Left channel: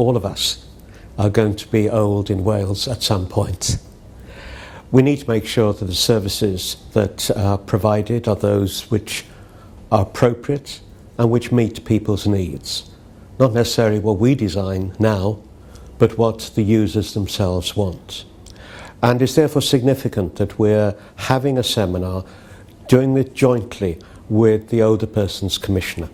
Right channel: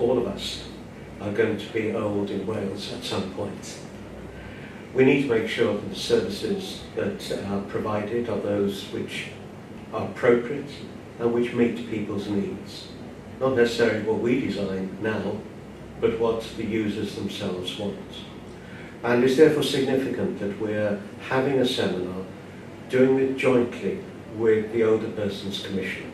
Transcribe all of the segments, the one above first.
all of us are going to be old in Wales at some point. We need to make sure that the services that are provided are those which are appropriate and which meet people's needs. Not necessarily what we design now, but what the users themselves want. And it's therefore significant that we're having a seminar, doing it jointly with the Older Persons Commissioner.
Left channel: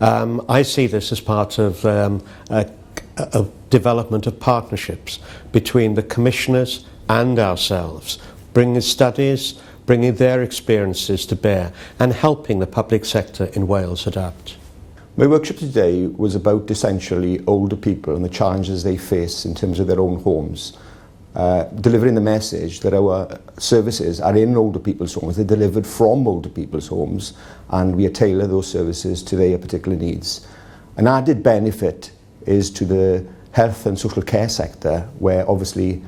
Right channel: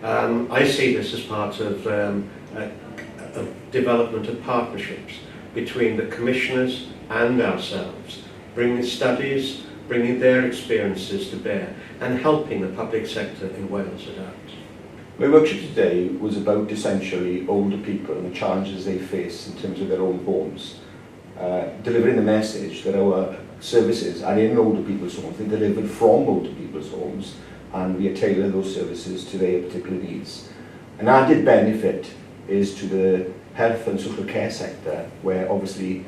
I see this as part of a development of partnerships between the commissioners and ourselves, bringing studies, bringing their experiences to bear and helping the public sector in Wales adapt. My workshop today was about essentially older people and the challenges they face in terms of their own homes. Delivering the message that our services are in older people's homes, they're delivered from older people's homes, and we tailor those services to their particular needs. An added benefit is to the health and social care sector, where obviously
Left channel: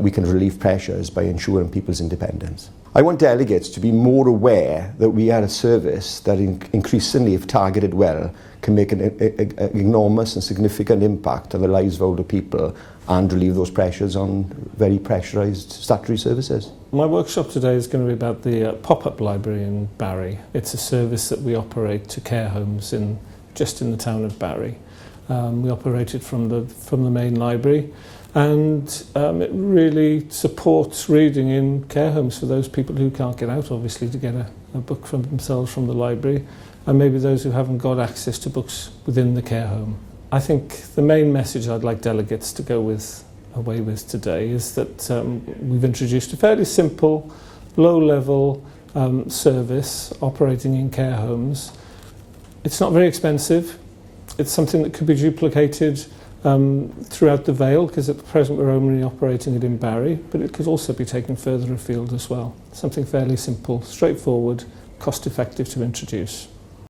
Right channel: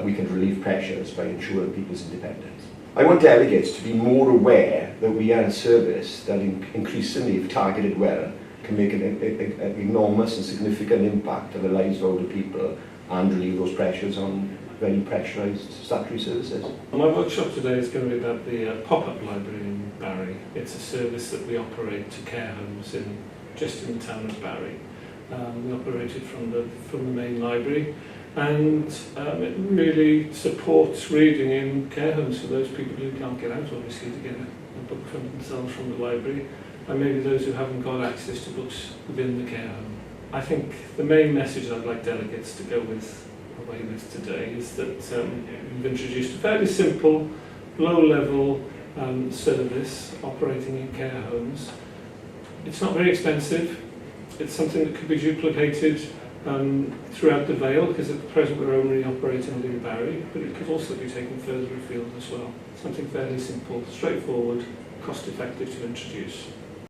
we can relieve pressures by ensuring people's independence. I want delegates to be more aware that we are a service that increasingly, if targeted well, can make an enormous and significant impact on the lives of older people and relieve those pressures on very pressurised statutory services. My workshop today is going to be about the pop-up library in Barry. It's a service that we operate to care homes just in the town of Barry. We operate it from the main library, and it really supports reading in care homes for those people who can't get out, obviously, to get a book from themselves from the library, and maybe those who haven't got access to books within the care home. I think the main message I'd like delegates to go away with today is that we've introduced a fairly simple, low-level service operating in care homes. It's not very expensive. It's something that could be duplicated throughout the Vale, because at the present we're only operating it in Barry, but it could also be taken further afield as well. Something fairly simple, straightforward, cost-effective to introduce.